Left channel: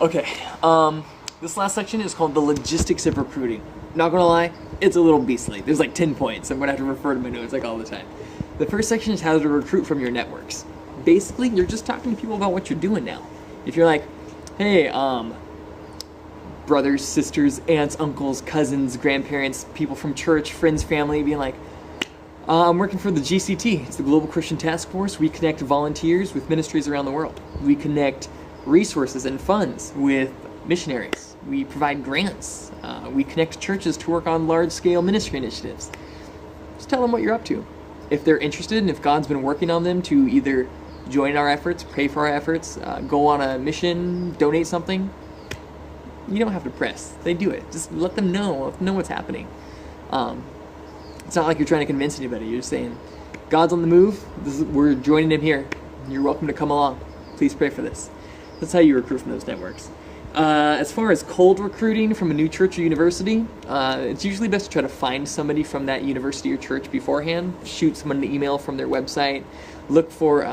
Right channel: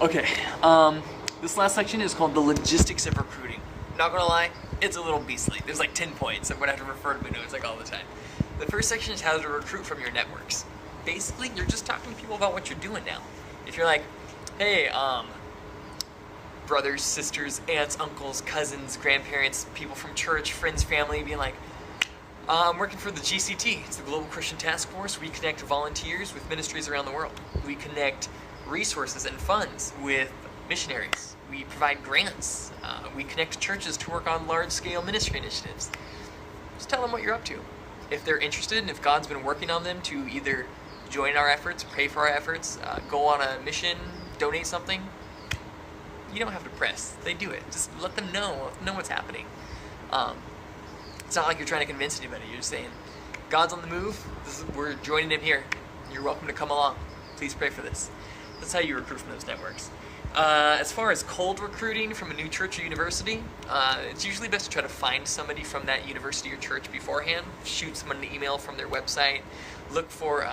Okay, this last section is called the logistics of recruiting. Not gonna lie, it's a little beastly. There's like 10 points. I'm gonna have to refer to my notes like all the time. The first section is how to recruit from your networks. Basically, you're just talking to people about what you're doing now. If you're like, hey, brothers, sisters, aunts, uncles, cousins, grandparents, people from church, friends, family, being like, I'm working for the GCT. It's the Global Christian Task Force. We connect volunteers with ministries around the world. We connect resources and funds with missionaries. We provide grants. We connect churches to work on large-scale ministry initiatives. Just tell them what you're up to. If they're interested and if God's been working on them to either join our efforts, pray for our efforts, go on a mission, donate something, you don't have to press. They do it. Just let them know what's happening. It's not like you're trying to convince anybody. You're just saying, God's on the move. We're joining him here. You're welcome to come along. Please pray for this. That's how you recruit from those networks. As far as cold recruiting from a new church or university, it's usually best to try to find somebody from that university or church beforehand. Shoot someone an email from their website. Look for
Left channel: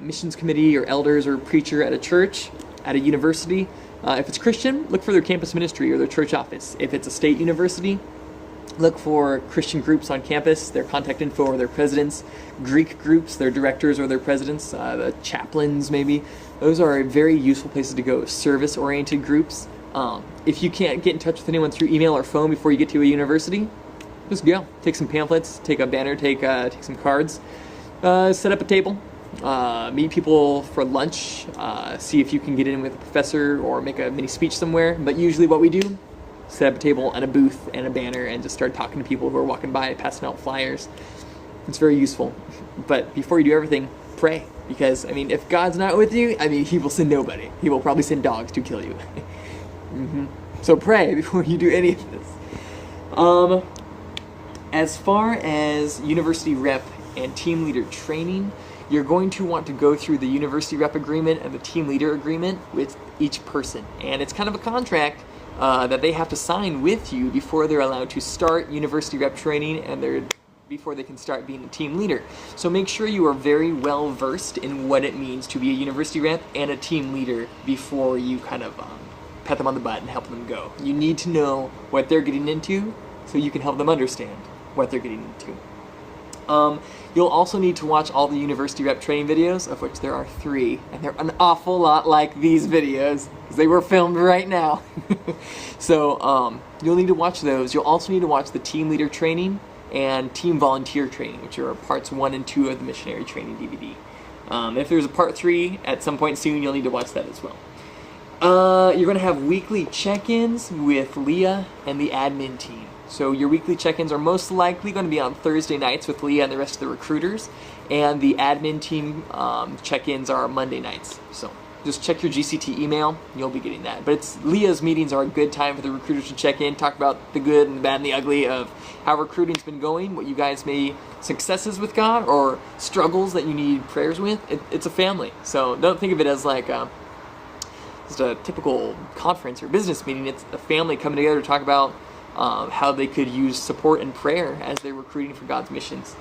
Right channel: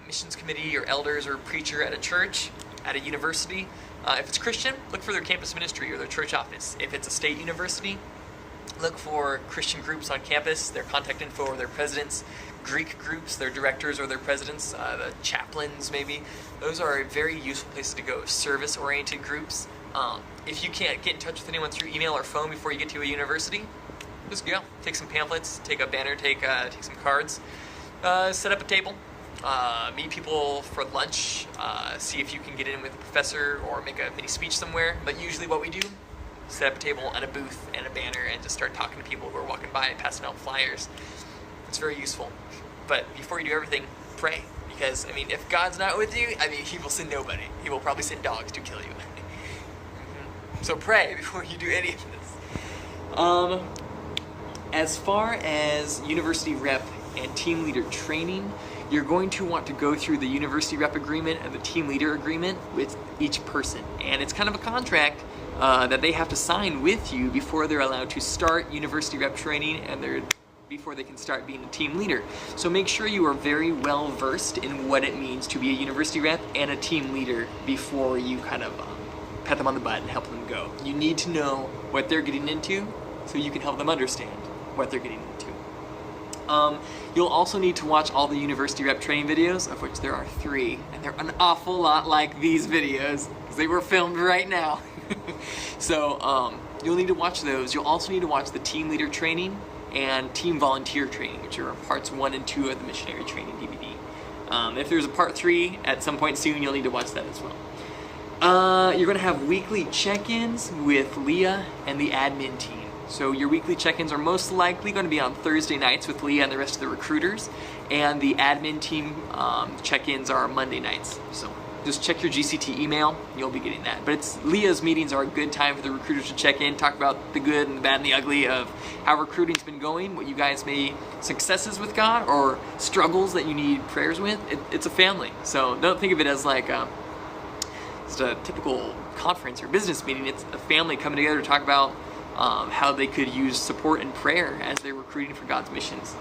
missions committee or elders or preacher at a church, at a university. If it's Christian, look for their campus ministry or their church office. If it's a state university, look for Christian groups on campus, their contact info or their presidents. Greek groups, their directors or their presidents, the chaplains maybe. Those are very useful places to go. Service-oriented groups. If you can't get in touch with anyone through email or phone before you get to a university, just go. Take some pamphlets, take a banner, take some cards, set up a table, meet people for lunch, see if you can get in with a professor or make a mini speech somewhere. But usually what we do, set up a table and a booth and a banner and just start talking to people who are walking by, passing out flyers. It's very useful. But before you do everything, pray. Because, I mean, if God's not with you, I mean, he will send nobody. He will probably send dogs to kill you. So pray before you do any of this. As far as university rep and team leader training, you're going to want to go through the university rep agreement and the team leader agreement with each person. And it's kind of a contract that they have to sign with you before they're allowed to start university rep training and before they can start being a team leader. So make sure you are very well versed in what it means to be a university rep and a team leader before you kind of pat them on the butt and help them go. You need to know what they're getting into so you can help them understand what they're getting into. You'll also need to watch all the university rep training videos, of which there are 3, and they're an awful lot like these videos, because they were filmed right now. So, you'll need to watch those. You'll also need to watch the team leader training and team volunteer training, which are parts 1 and 2 of the missionary training DVD. If there's a part 3 at some point soon, you'll need to watch that as well. You're going to have weekly check-ins with Leah and the admin team. So your weekly check-ins are most likely going to be on Thursday nights with Leah and the rest of the recruiters, and the admin team check-ins are Monday nights. So just check your GCT email, you'll be getting that. But Leah's meetings are a good time for the recruiters to check in, talk about the good and the bad and the ugly of how recruiting's been going, what you guys may successes with God or struggles that you need prayers with. It's a family, so don't think of it as like just a typical conference or business meeting. It's a family coming together to talk about how they could use support and prayer as they're recruiting for God's missions.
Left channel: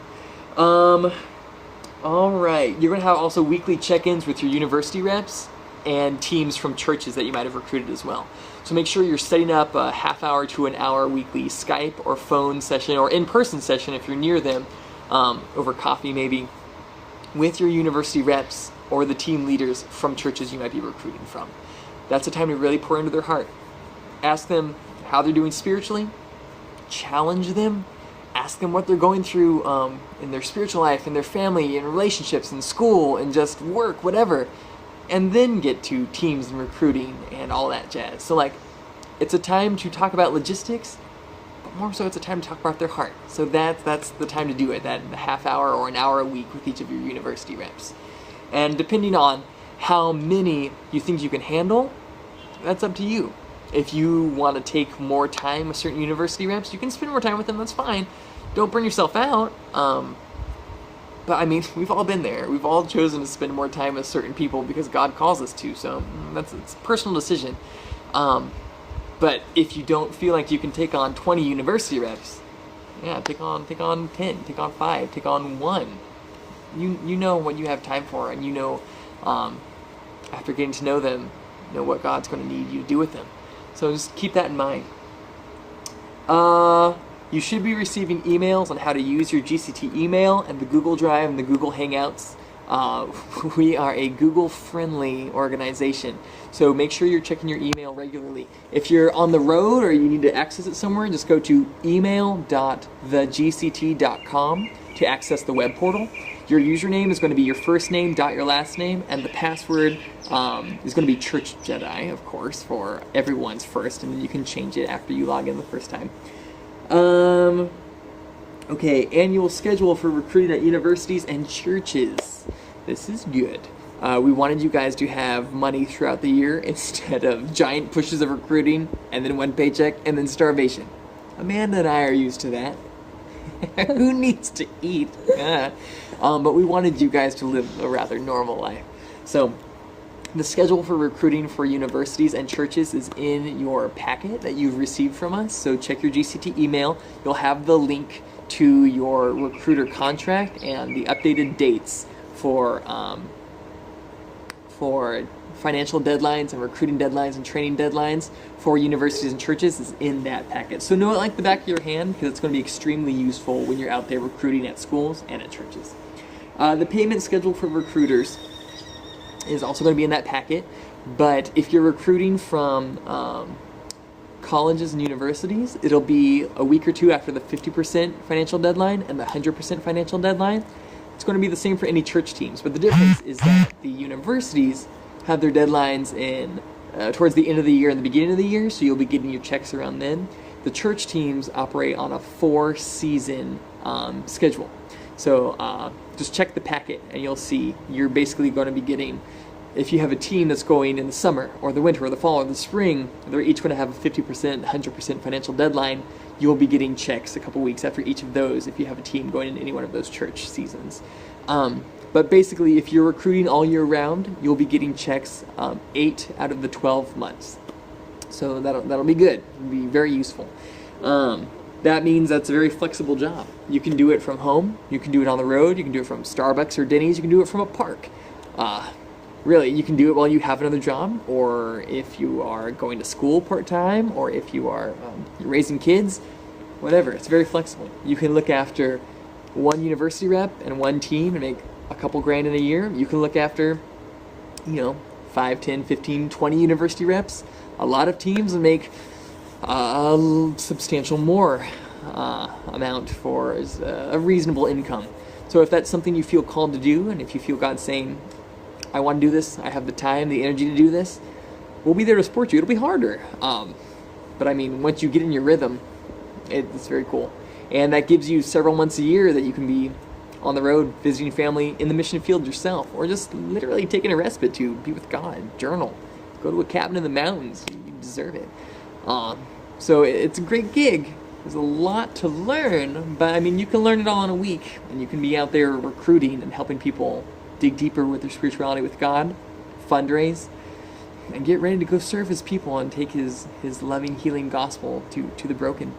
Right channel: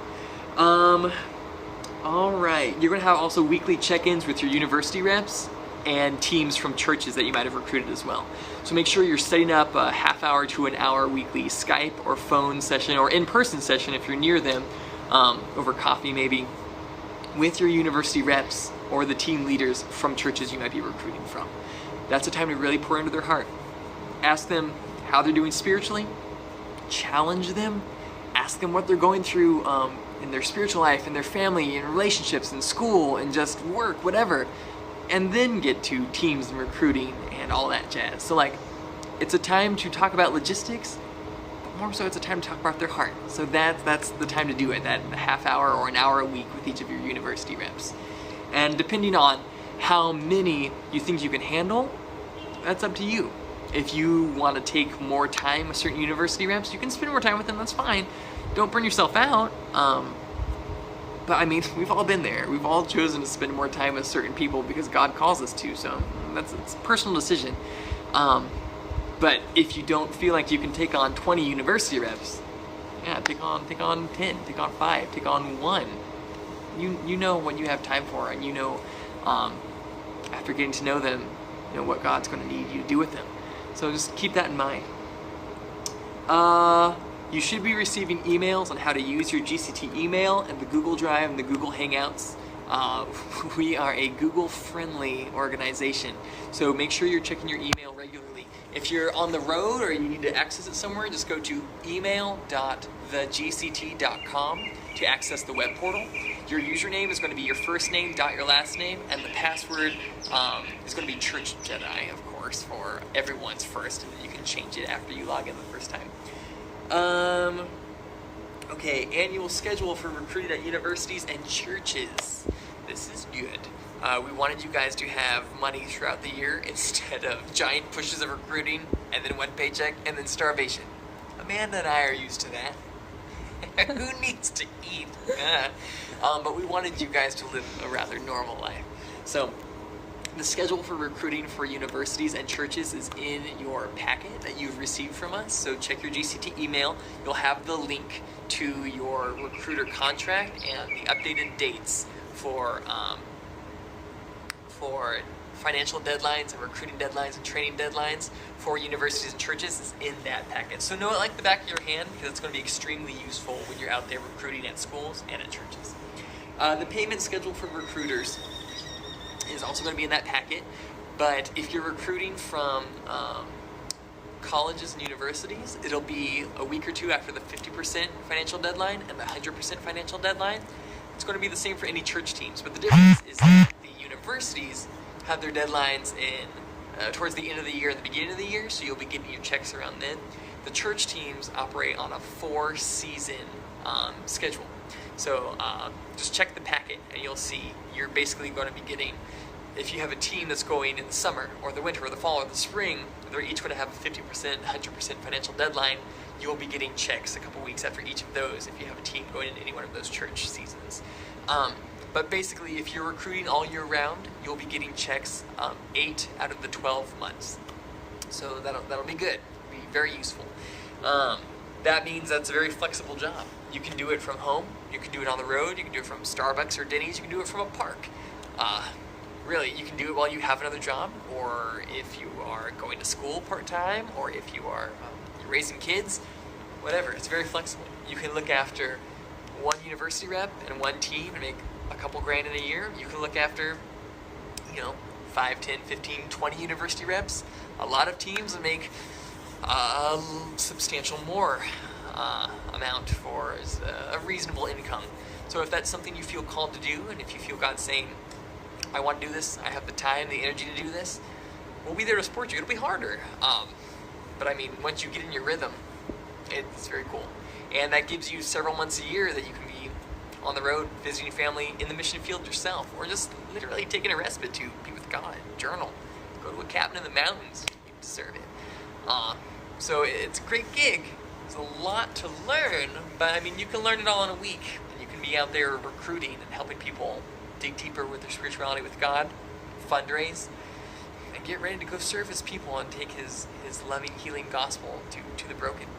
Alright, you're going to have also weekly check-ins with your university reps and teams from churches that you might have recruited as well. So make sure you're setting up a half-hour to an hour weekly Skype or phone session or in-person session if you're near them, over coffee maybe, with your university reps or the team leaders from churches you might be recruiting from. That's a time to really pour into their heart. Ask them how they're doing spiritually, challenge them, ask them what they're going through in their spiritual life, in their family, in relationships, in school, and just work, whatever, and then get to teams and recruiting and all that jazz. So like, it's a time to talk about logistics, but more so it's a time to talk about their heart. So that's the time to do it, that half hour or an hour a week with each of your university reps. And depending on how many you think you can handle, that's up to you. If you want to take more time with certain university reps, you can spend more time with them, that's fine. Don't burn yourself out. But I mean, we've all been there. We've all chosen to spend more time with certain people because God calls us to, so it's a personal decision. But if you don't feel like you can take on 20 university reps, yeah, take on 10, take on 5, take on 1. You know what you have time for, and you know, after getting to know them, what God's going to need you to do with them. So just keep that in mind. You should be receiving emails on how to use your GCT email and the Google Drive and the Google Hangouts. We are a Google-friendly organization, so make sure you're checking your email regularly. If you're on the road or you need to access it somewhere, just go to email.thegct.com to access the web portal. Your username is going to be your first name dot your last name, and the password is going to be Church Jedi, of course, for everyone's first, and you can change it after you log in the first time. Okay, annual schedule for recruiting at universities and churches. This is good. We wanted you guys to have money throughout the year instead of giant pushes of recruiting and then one paycheck and then starvation. Amanda and I are used to that. Who needs to eat? But we wanted you guys to live a rather normal life. So, the schedule for recruiting for universities and churches is in your packet that you've received from us. So check your GCT email. You'll have the link to your recruiter contract and the updated dates for financial deadlines and recruiting deadlines and training deadlines for universities and churches is in that packet. So know it like the back of your hand, because it's going to be extremely useful when you're out there recruiting at schools and at churches. The payment schedule for recruiters is also going to be in that packet, but if you're recruiting from colleges and universities, it'll be a week or two after the 50% financial deadline and the 100% financial deadline. It's going to be the same for any church teams, but the difference is that the universities have their deadlines in towards the end of the year and the beginning of the year, so you'll be getting your checks around then. The church teams operate on a 4-season schedule. So just check the packet and you'll see you're basically going to be getting, if you have a team that's going in the summer or the winter or the fall or the spring, they're each going to have a 50%, 100% financial deadline. You'll be getting checks a couple weeks after each of those if you have a team going in any one of those church seasons. But basically, if you're recruiting all year round, you'll be getting checks 8 out of the 12 months. So that'll be good. It'll be very useful. That means that's a very flexible job. You can do it from home, you can do it on the road, you can do it from Starbucks or Denny's, you can do it from a park. Really, you can do it while you have another job, or if you are going to school part-time, or if you are raising kids, whatever. It's very flexible. You can look after one university rep and one team and make a couple grand in a year. You can look after, 5, 10, 15, 20 university reps, a lot of teams, and make a substantial more amount for a reasonable income. So if that's something you feel called to do, and if you feel God saying, I want to do this, I have the time, the energy to do this, we'll be there to support you. It'll be harder. But I mean, once you get in your rhythm, it's very cool. And that gives you several months a year that you can be on the road, visiting family in the mission field yourself, or just literally taking a respite to be with God, journal, go to a cabin in the mountains. You deserve it. So it's a great gig. There's a lot to learn, but I mean, you can learn it all in a week, and you can be out there recruiting and helping people dig deeper with their spirituality with God, fundraise, and get ready to go serve His people and take His loving, healing gospel to the broken.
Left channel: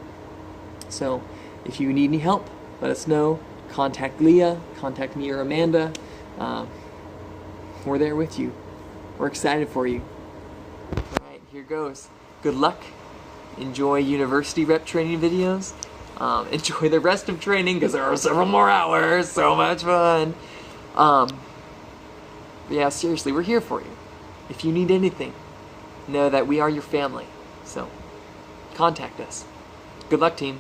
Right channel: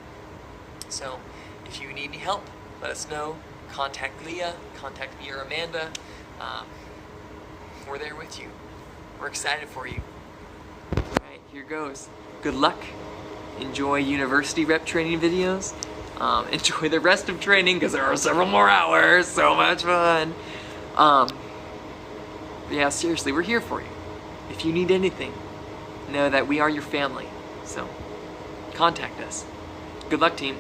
So, if you need any help, let us know. Contact Leah, contact me or Amanda. We're there with you. We're excited for you. Alright, here goes. Good luck. Enjoy university rep training videos. Enjoy the rest of training, because there are several more hours. So much fun. But yeah, seriously, we're here for you. If you need anything, know that we are your family. So, contact us. Good luck, team.